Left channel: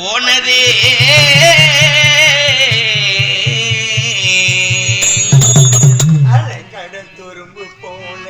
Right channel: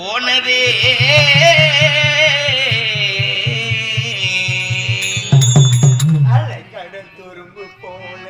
போனதே அலைக்கடல் துரும்பு போல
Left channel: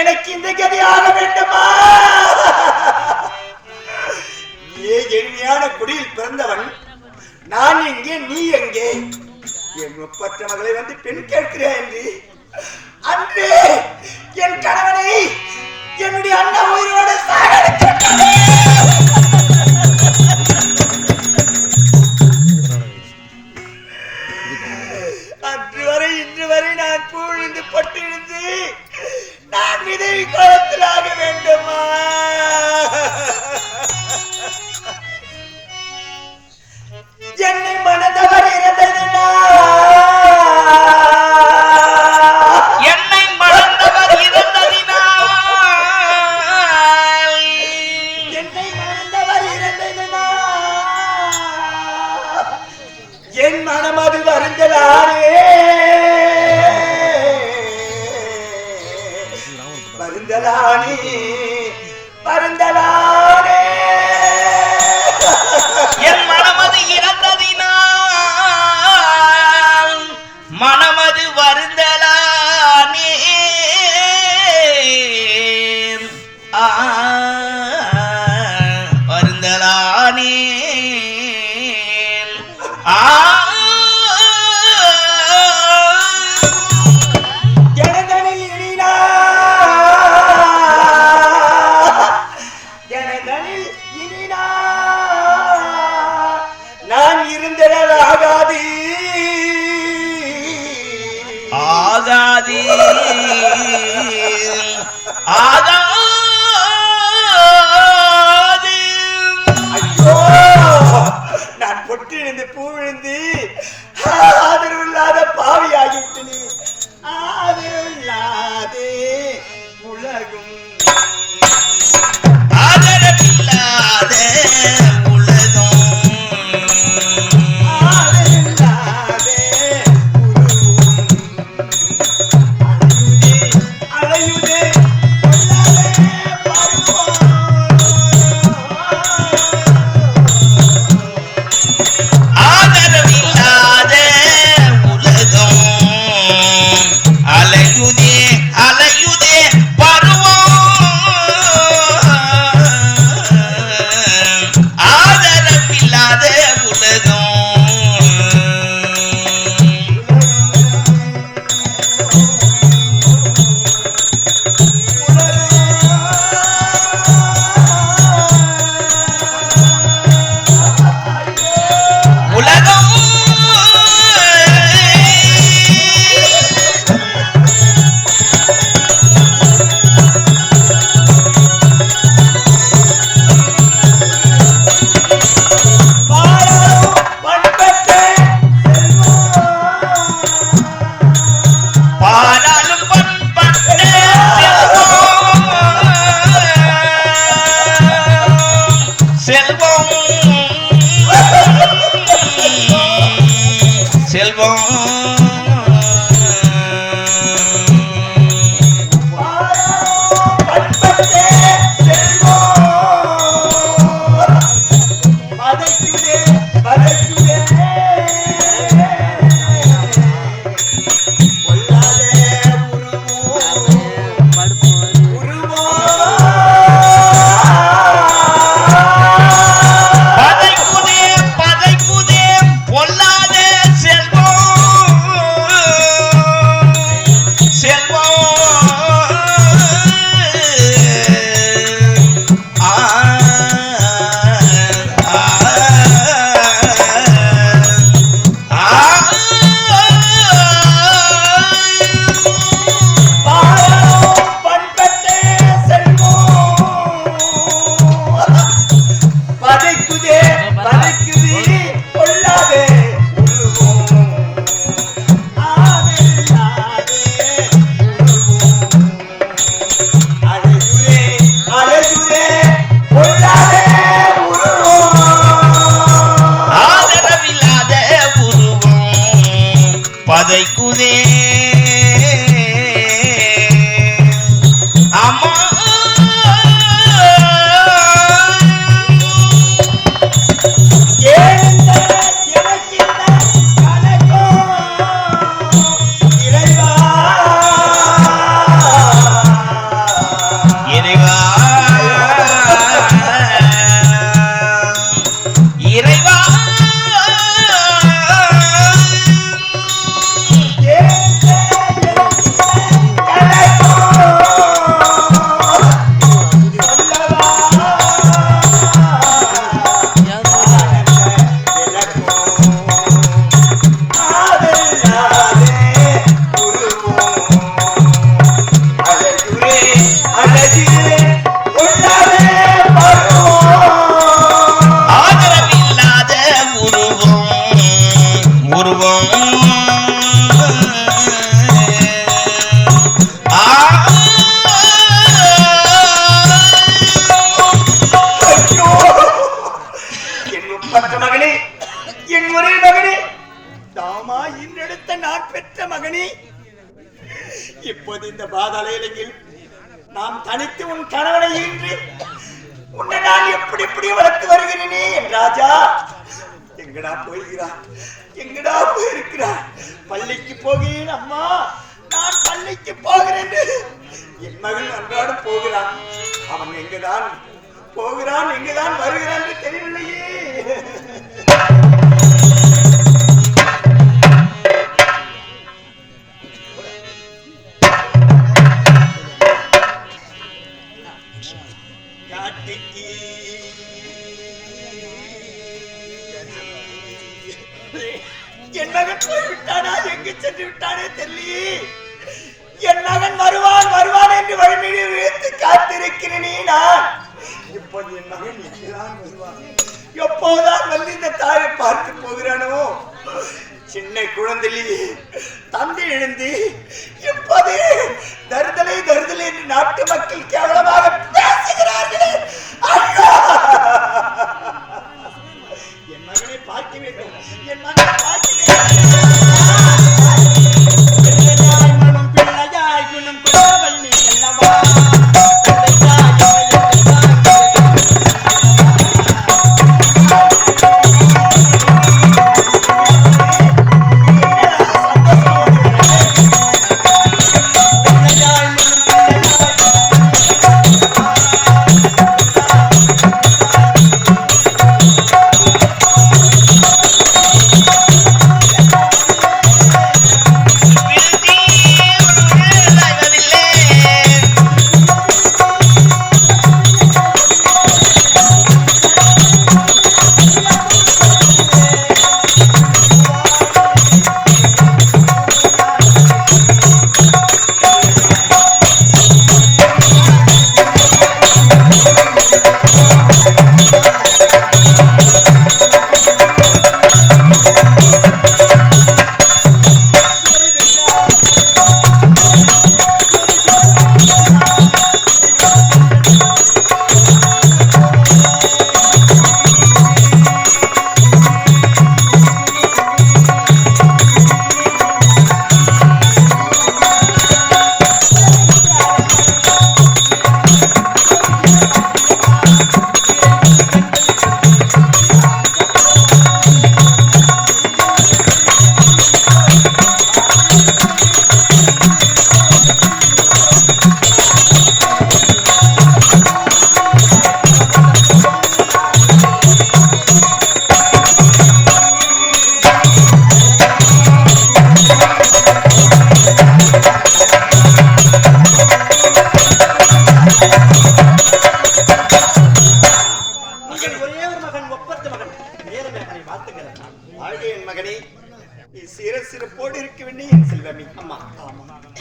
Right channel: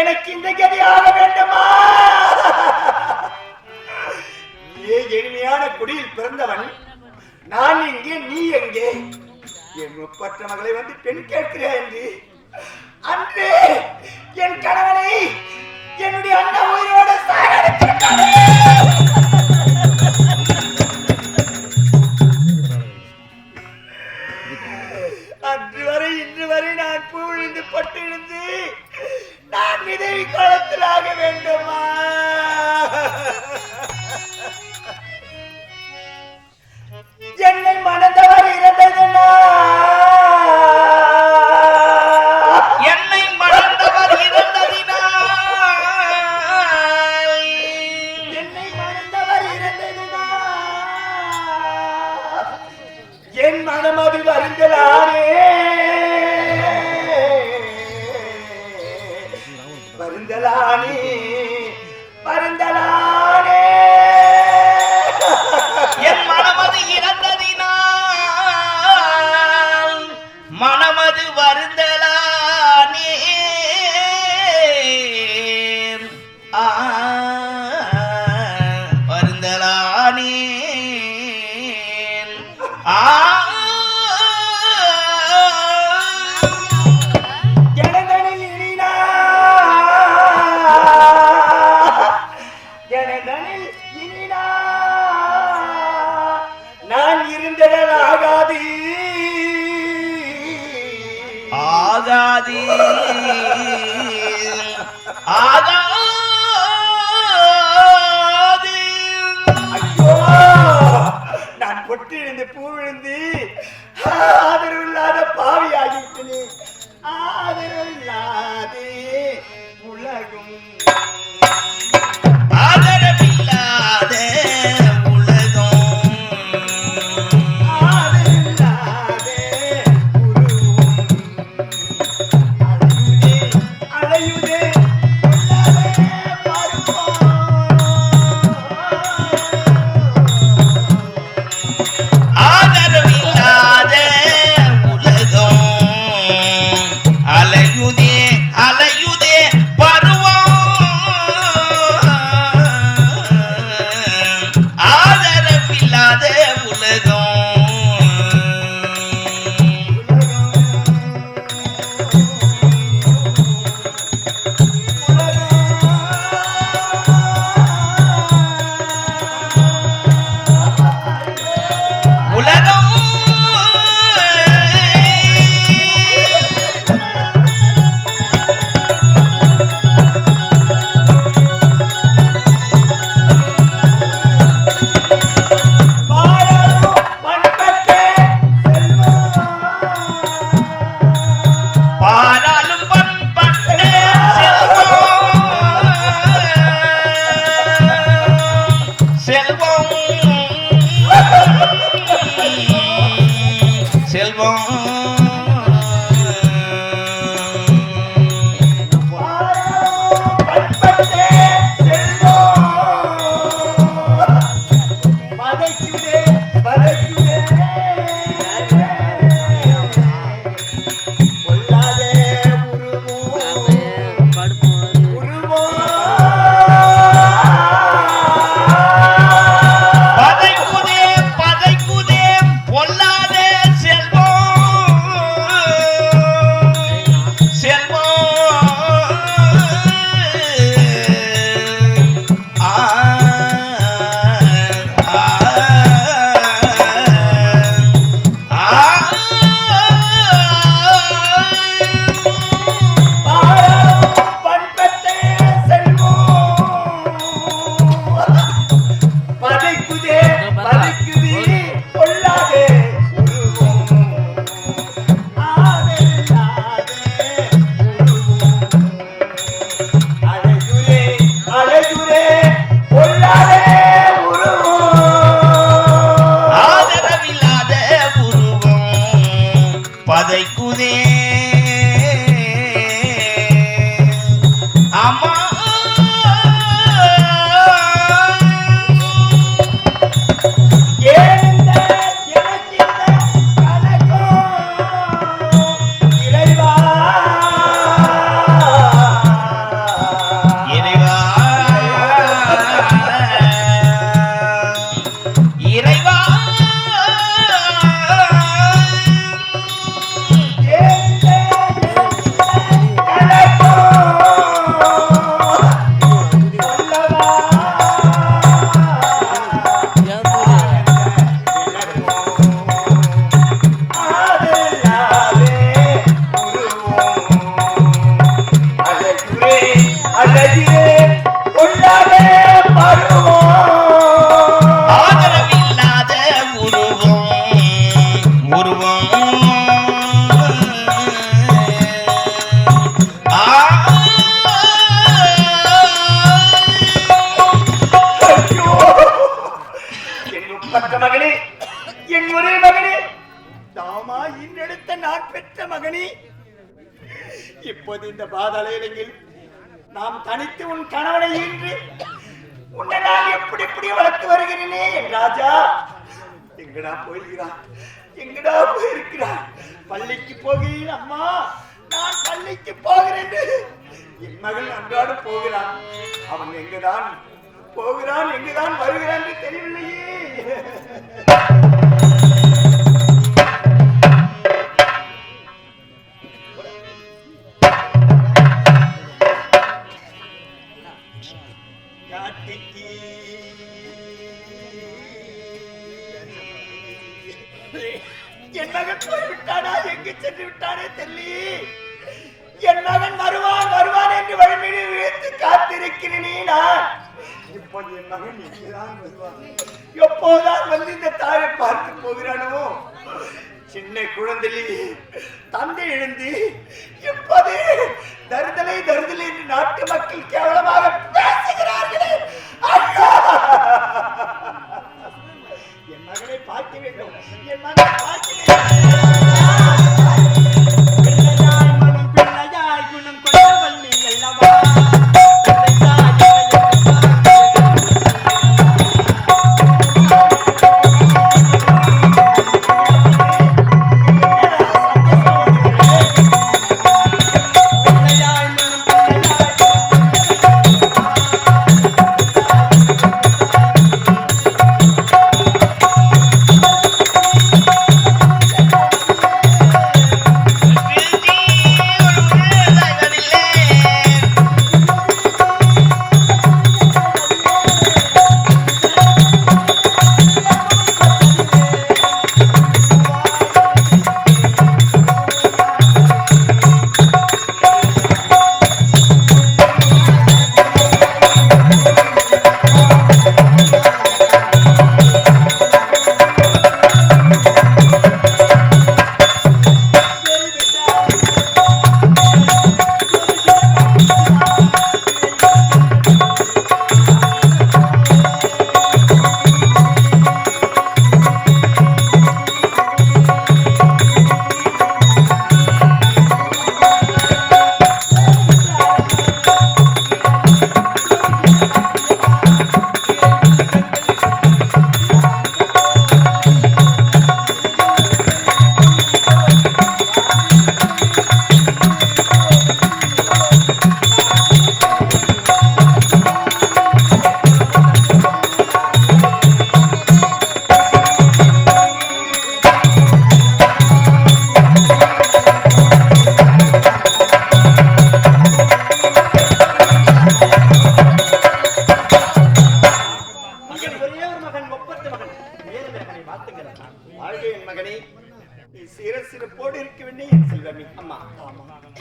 எனக்கு இந்த கதியாக வேண்டுமா? நீ எளிமையான குடியில் பிறந்தவன், நான் எங்கே நீ எங்கே? என் முப்பற்ற மகளை வந்து பெண் கேட்கிறேன் என்று அன்று என் கணவனை என்னுடைய அண்ணா உயிரோட அன்று வரை இன்று வரை நான் பூழ்ந்து பட்டிருந்து நான் விதவி காலத்தில் ஆக வேண்டுமா? ஆகாது. ஐயோ, நான் பொட்டு இருந்து பூ விழுந்து ஆதரவு இல்லாத பாவி ஆகிவிட்டனே. ஆதரவு இல்லாதே உலகும், ஆதரவில்லாத உலகம், ஆதரவில்லாதே உருவம். அலையுதே கொள்ளாதே பருவம். ஆதரவில்லாத உலகம் அலையுதே அலையுதே பருவம். ஆதரவில்லாத உலகம். உலகம் பாராளும் பண்பற்றே பாராளும் பண்பட்ட செல்வம், செல்வம், செல்வம். பண்பற்றே செல்வம். பதைக்குதே பதைக்குதே கொள்ளாதே உருவம், உருவம். பதைக்குதே பதைக்குதே பொல்லாத செல்வம், செல்வம். ஆ, ஆ, ஆ. பாராளும் பண்பற்றே செல்வம். பதைக்குதே பதைக்குதே கொள்ளாதே உருவம். ஆதரில்லாதே உருவம். அழகுரே அழகுரே கொள்ளாதே உருவம். ஆதரவில்லாத உருவம் பதைக்குதே. அம்மா ஏனென்ற எனக்கிந்த கலக்கம் இறைவா. இறைவா, இறைவா. ஏனென்ற எனக்கிந்த இப்போது இந்த பாதாள இலையில் நாம் தனித்து உன் கணவனை ஈன்று உன்னை நான் எப்படி எப்படி வளர்த்து வருகிறேனே என் ராஜா. எங்கடா போயிருக்கிறான், எங்கடா போயிருக்கிறான்? பள்ளிக்கு போகிறேன் அம்மா, நான் பள்ளிக்கு போகிறேன். என் மகன் அன்றாடம் போகிறான். அவன் எங்கதான் போகிறான், எங்கதான் வருகிறான் என்று தெரியவில்லையே. என் மகன் போய்விட்டானா, எங்கு சென்று விட்டானே தெரியலையே. என் மகன் வருவான் வருவான் என்று வழிமீறி வைத்து காத்திருக்கிறேனே நான். இப்போது என் மகன் எங்கேதான் வருவான்? எப்போதான் வந்து இந்த தாயை பார்த்து போகிறானோ? சின்ன குழந்தையிலே தந்தை எழுந்து இப்போது தருதலை தருதலை என்று நாட்டு மக்கள் கேவலமாக பேசுகிறார்களே. என் மகனை பார்க்க வேண்டும், என் மகனை பார்க்க வேண்டும்.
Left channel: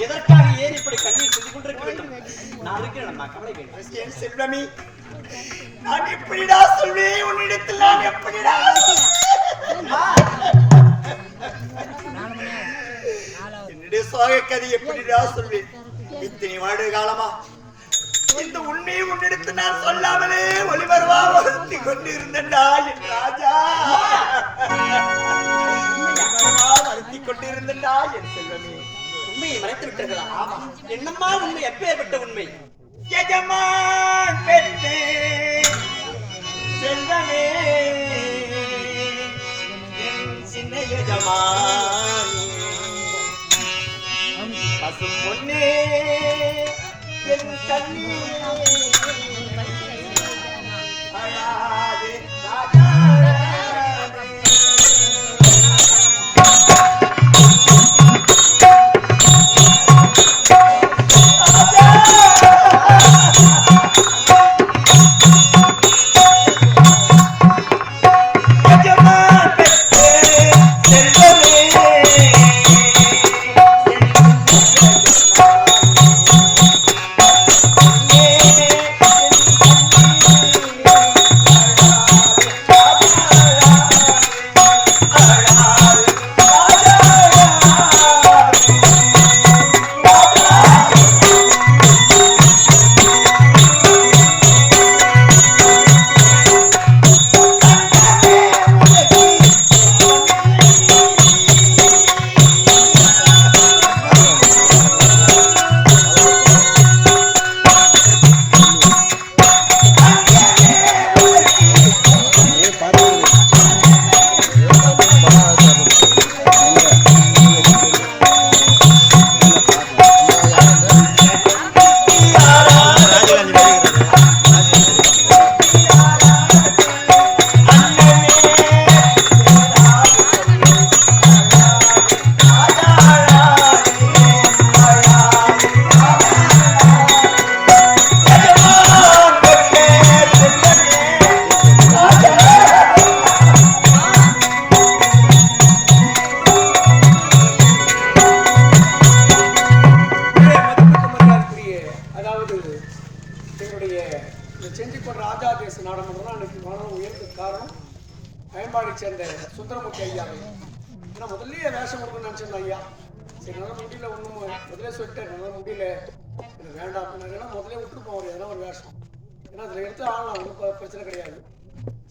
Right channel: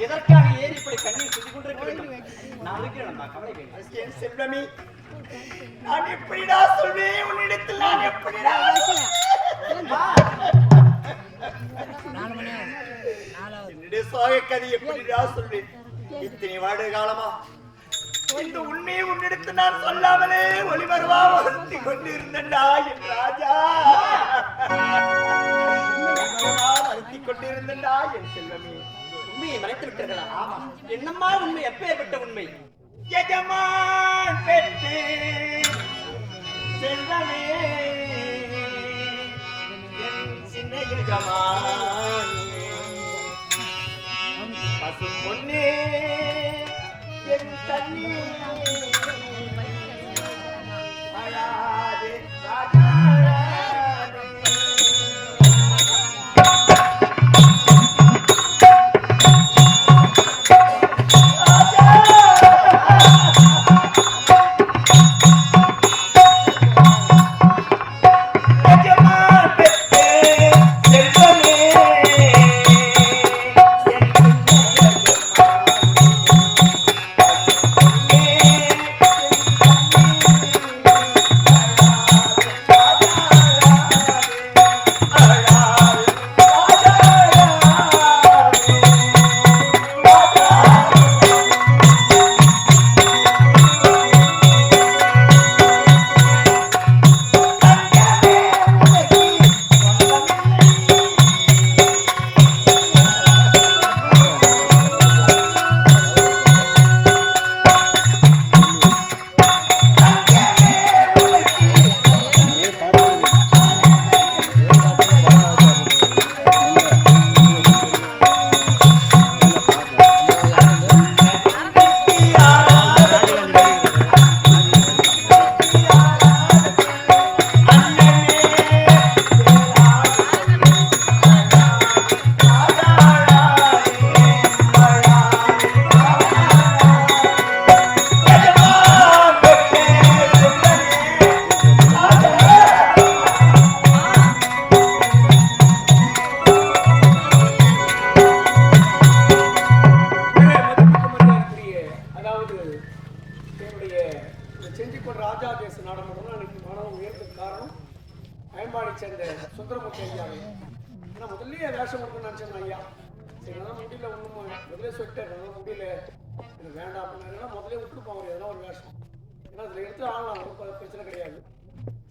எதற்காக ஏன் இப்படி கண்ணீர் சிந்திக் கொண்டிருக்க வேண்டும்? நான் இருக்கிறேன் அம்மா, கவலை வேண்டும். செல்வமி, நான் எப்படிடா சொல்வேன் உன்னிடத்தில்? நான் எப்படிடா என்னுடைய சோக கதை எப்படிடா சொல்வேன்? இத்தனை வருட காலமா இந்த உண்மையை உன்னிடத்து நான் சொல்லாமலே ஒளிவருவா வருத்தி கொண்டிருந்தா என் ராஜா. வருத்தி கொண்டிருந்தா என் செல்வமே. உண்மையை மறைத்து விட்டீர்களா? ஆமா. என்னம்மா உண்மை? எப்பேற்பட்ட உண்மை? எஜமான் பெற்றே செல்வமே, என் சின்ன எஜமான் பசும் பொன்னே, என் கண்ணீ அழாதே ராஜாவே. ராஜாதேச நாடகம் அன்னைக்கு மாணவன் உயர்ந்ததுக்கு காரணம் அயன்பாடி சேர்ந்த சுந்தரமூர்த்தி ஐயா. ஏன்னா முதல்லயே வேஷம் கொடுக்கணும்னு நினச்சேன் ஐயா. சரி நல்லா முடியல, ஒன்றும் முதலே சொல்லிட்டேன், நல்லா முடியல எனக்கு வேண்டாம் அப்படின்னா முதலே விட்டுருப்போம் அவர் எதனா ஒரு வேஷம். ஏன்னா அதில் எடுத்து ஆகலாம், ஒன்றும் பிரச்சனை கிடையாது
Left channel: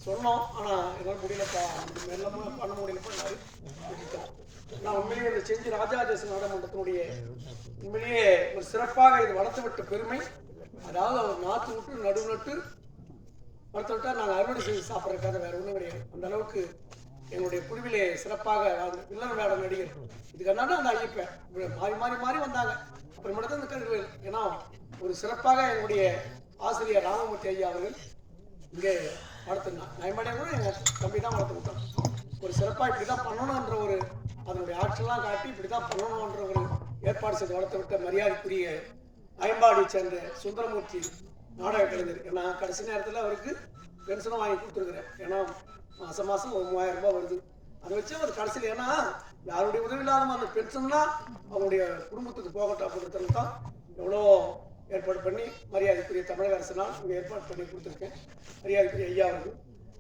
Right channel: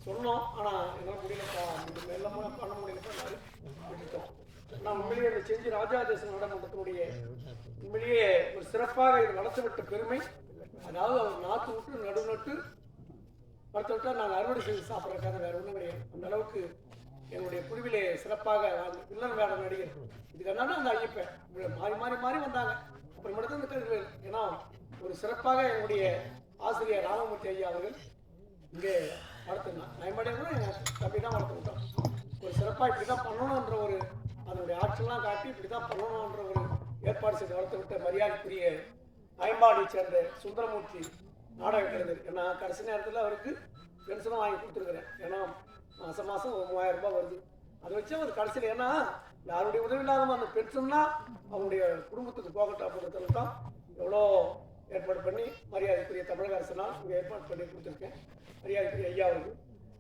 சொன்னோம். ஆனால் என்னால் முடியலப்பா, மெல்லமாக பண்ண முடியலப்பா விட்டுட்டோம். நான் உண்மையிலேயே இதை செஞ்சு ராஜாதேச நாடகமன்றத்தினுடைய உண்மையிலேயே ஒரு சிறப்பாக இது வளர்த்து விட்ட பெருமை. அதாவது அவர் நாற்று விட்டு நடு நட்டு வளர்த்து விட்டால் நாங்கள் அறுவடை செய்து சாப்பிட்றதுக்காக வேறு ஒன்றும் கிடையாது. அந்த அளவுக்கு எங்களுடைய குழுவிலே சிறப்பாக வில்லன் வேடம் நடிகர் இதுக்கான அந்த ஐயப்பேன் மாறி மாறி மாறி வந்தாங்க. அப்புறம் மட்டும் இந்த கல்வி. ஏன்னா ஒரு சிறப்பாக எங்களுடைய ஆசிரியர் ராமமூர்த்தி ஐயா அவர்கள் இங்கே வளர்த்துருந்தான். நயம்படியாக கூட எங்கள் தம்பி தான் வளர்த்து விட்டோம். ஒரு சிறப்பாக இப்படி தான் பண்ணணுன்ற ஒரு அதனுடைய ஆட்சியெல்லாம் காட்டி இப்படி தான் பண்ணணுன்ற ஒரு ஏற்பாடு செய்து வளர்த்து விட்ட மரியாதைக்குரிய அயன்பாடியை சேர்ந்த சுந்தரமூர்த்தி நாடக கலைஞர். ஏன்னா கடைசி நேரத்தில் அவருக்கு பென்ஷனும் வாங்கி கொடுத்துருக்குறேன். ஏன்னா மாதம் மாதம் ஒரு 3000 ரூபாய் வருது. அதை வச்சு அவர் கடைசியில் ஏன்னா யாருடைய உதவி இல்லாத அந்த பென்ஷன்னா அவருடைய குடும்பத்துக்கு போகட்டும் அப்படிங்கிறதுல தான் எவ்வளோ ஏற்பாடு பண்ணி மரியாதைக்குரிய தமிழக அரசுலாம் இங்கே ஏற்பாடு பண்ணி கொடுத்துருக்கேன். மரியாதைக்குரிய ஐயா அவர்கள்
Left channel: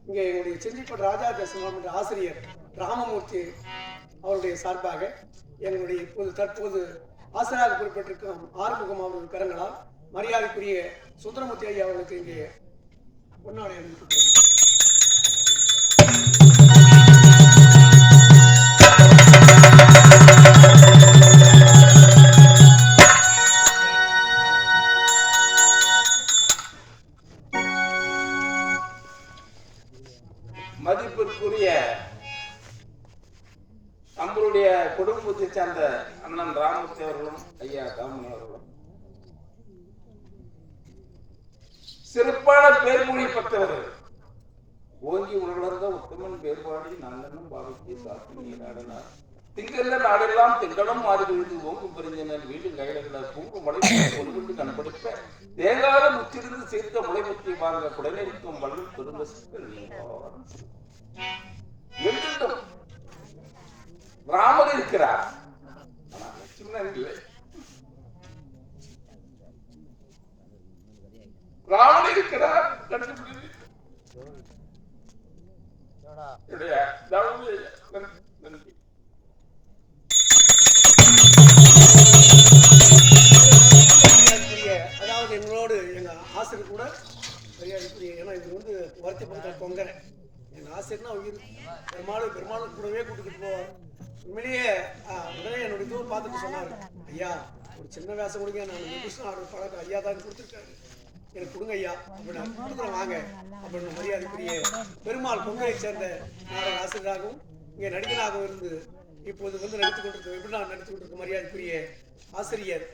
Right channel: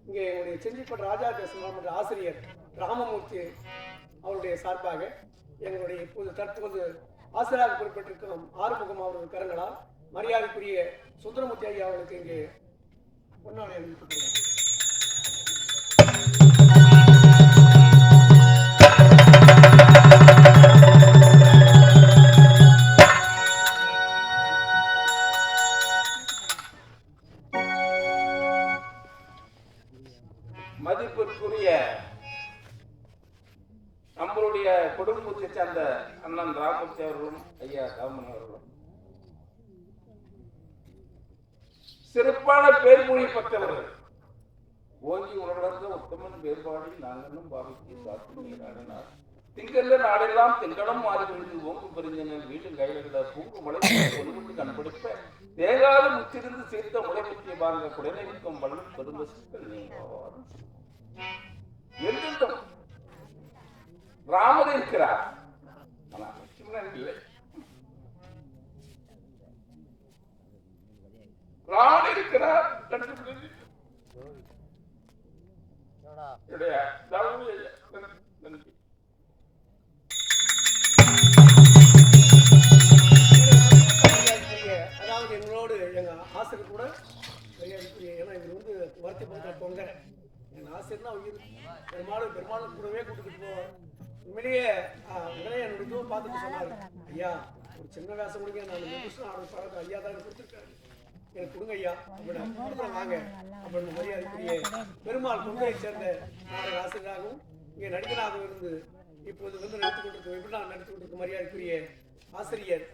இங்கே எங்களுடைய செஞ்சிப்பட்ட ராஜாதேசம் என்ற ஆசிரியர் ராமமூர்த்தி அவருடைய சார்பாக எங்களுடைய தற்போது ஆசிரியராக குறிப்பிட்டிருக்கும் ஆறுமுகம் அவர்கள் கரங்களால் மரியாதைக்குரிய சுந்தரமூர்த்தி ஐயா அவர்களுக்கு இங்கே பொன்னாடை அளிக்கப்படுகிறது. மதிப்பிற்குரிய நம்மளுடைய குடும்பத்தை சேர்ந்த அண்ணன் ராமூர்த்தி அவர்களும் ஐயா காமணி அவர்களும் சிறப்பான பேர்மொழி பெற்றவர்கள். ஓங்கி உணர்ந்த உத்தமன் வேறுபாடு நாங்களும் பாவித்து சாப்பிட்டு நாடனார் திங்கள்ல நாடெல்லாம் திங்கடம் மாறி விழுந்து ஓங்கு பெருஞ்சினர் வீடு கையில பூங்கு மலை ஒன்று கண்படுத்த தேங்காத முற்றிருந்து சேர்த்த முளை முற்றிய பாருங்க குடநீக்கம் வள்ளி பெருந்தசுக்கள் என்றும் ராமர் இருக்கிறார். ராமர் இருக்கிறார் நன்றி. அதாவது எங்களோடு எங்க ஆசிரியர் கூட மரியாதைக்குரிய, ஏன்னா இது வந்து வருத்தப்படுத்த பொங்க எங்க ஆசிரியர்னா உயிர் பெருமாளும் கூடவே கூட்டிக்கிட்டு போவார். உண்மையிலேயே உடனே என்னுடைய இதுவை பார்த்துட்டு சொன்னார், ஐயா ஒரு சின்ன வேஷம் கொடுங்க, நான் மெடிசன் ஆர்டர் பழக்கம் ஐயா தான் கொடுத்துருக்காரு, எனக்கு கொடுங்க ஐயா அப்படின்னு கொடுக்குறேன் வாங்க அப்படின்னு மரியாதைக்குரிய பெருமாள் பொங்கலை சேர்ந்த நாடக ஆசிரியராகவும் இங்கே நடிகராகவும் இருந்து இப்போது வந்து நடித்துக் கொண்டிருக்க எப்படி நான் நடித்துக் கொண்டிருக்க மரியாதைக்குரிய ஆசிரியர்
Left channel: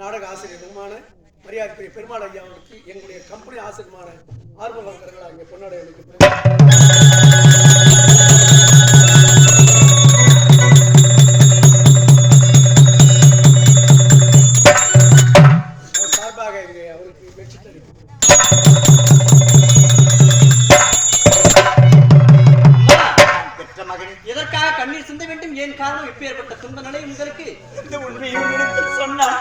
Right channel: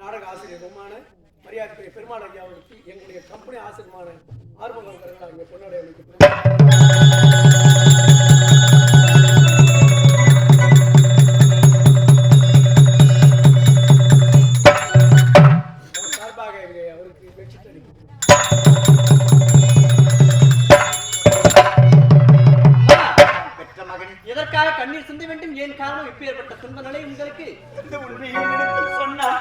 நாடக ஆசிரியருமான மரியாதைக்குரிய பெருமாள் ஐயா அவருக்கு எங்களுடைய கம்பெனி ஆசிரியமான ஆர்வலர்கள் அங்கே பொன்னாடை சார்பாக அவருக்கு வெற்றி பெற்ற மகன் எதற்காக கண்ணீர் சிந்த வேண்டும்? ஏன் காரணம்? எப்பேற்பட்ட துன்ப நிலை உங்களுக்கு? இந்த உண்மையை உன்னிடத்தில் சொன்னார்.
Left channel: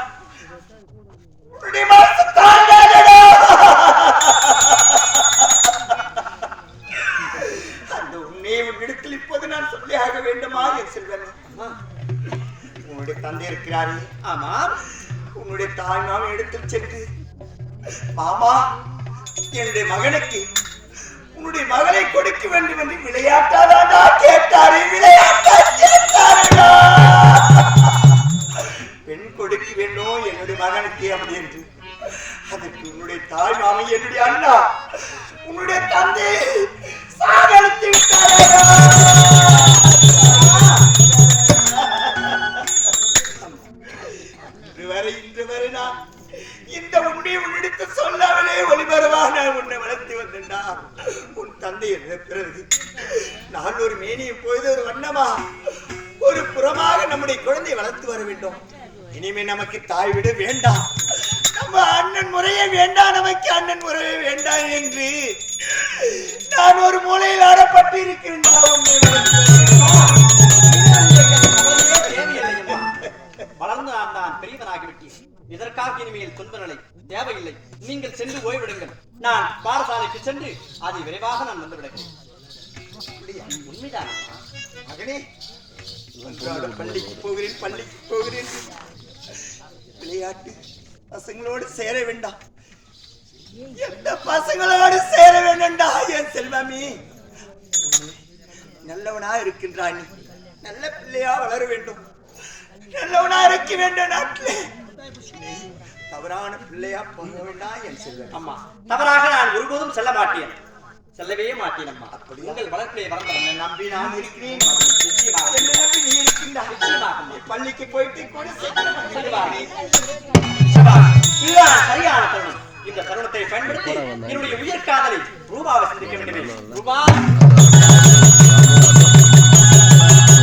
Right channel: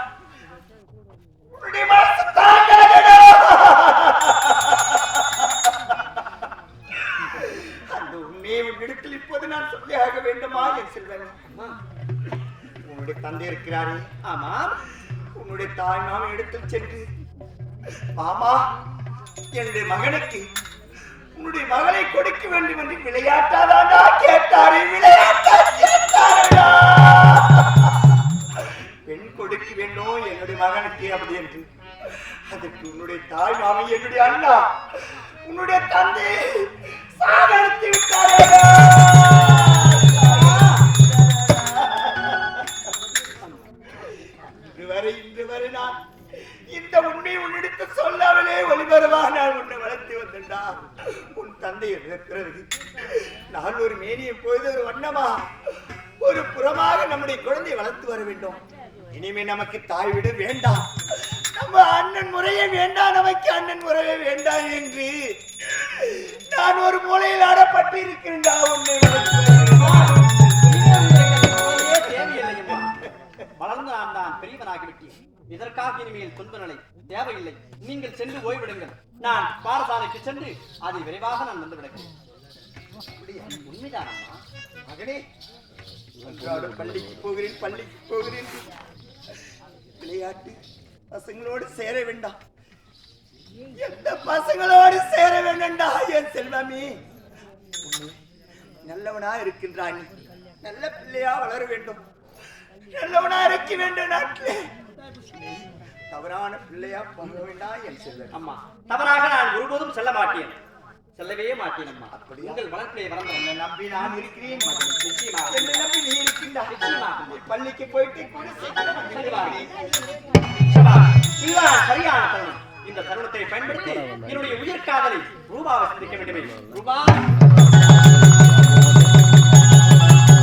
அந்த உண்மையை உன்னிடத்தில் இப்போது நான் சொல்லியாக வேண்டுமா என் செல்வன்? உன்னுடைய தந்தை இருக்கிறாரே, ஆமாம், உன்னுடைய தாய் மாமன் இடத்தில் சென்று மாமா என்னுடைய மகனுக்கு உன்னுடைய மகளை கொடுக்க வேண்டும் என்று விளையாட்டாதானா கேட்டாரே, விளையாட்டா கேட்டாரா? பெண் கொடுக்க வேண்டும் என்னுடைய மகனுக்கு அப்படி என்று அதற்கு உன்னுடைய தாய் மாமி என்னுடைய அண்ணா உன்னுடைய தந்தை சாகடித்து விட்டாரா? இன்று வரை நான் இந்த உண்மையை உன்னிடத்து சொல்லாமலே ஒளிபரவா நான் உன்னை வளர்த்து வந்தேன்டா. உன் தந்தை பிறகு நான் ஒரு மேனியை போது ஒரு வண்ணமா ஒரு புறமாக நம்முடைய குழந்தையை வளர்த்து வர வேண்டும். இனிமே நமக்கு தாய் விட வேண்டாம், நம்ம அண்ணன் முறையே வேண்டாம், நமக்கு அண்ணன் முறையே வேண்டாம் என்று நான் ஒரு மூலையில் ஆடப்பட்டு இருக்கின்றா. தேவையில்லையம்மா, வளர்ந்து நான் பெரியவனாகிவிட்டேன். இதற்காக இனிமேல் துன்ப நிலை தேவையில்லை. நீங்கள் சென்று ஓய்விடுங்கள். நான் பாடசாலைக்கு சென்று அதை விரைவாக நான் வந்து விடுகிறேன். உண்மைதான் மகனே, அன்றாடம் பள்ளிக்கு போகிறேன் விளையாட்டு பசங்களோடு சேர வேண்டாம், எந்த பசங்களோடு சேர வேண்டாம்டா என் செல்வமே. நல்லவனா இருக்கின்றாய், நீ நல்ல பிள்ளையா வளர வேண்டும், நல்லவனா இருக்க வேண்டும். நாட்டிலே தவறான பிள்ளையா போக வேண்டாம் என் செல்வம். அம்மா, தவறாக நான் ஒருபோதும் செல்ல மாட்டேன், செல்லவே மாட்டேன் அம்மா. அப்படியா? உங்கள் வளர்ப்பிலே வளர்ந்த என்னை நம்பி நான் இருக்கிறேன். நிச்சயமாக என்னை நம்பி நீ இருக்கின்றாய். நிச்சயமாக பள்ளிக்கு போயிட்டு கூட சீக்கிரம் வந்து விடுகிறேன். இதுதான் சரியான தருணம். இந்த தருணத்தை பயன்படுத்தி என்னுடைய உயிர் காதலை ரூபாவை சந்திக்க வேண்டுமே. ரூபா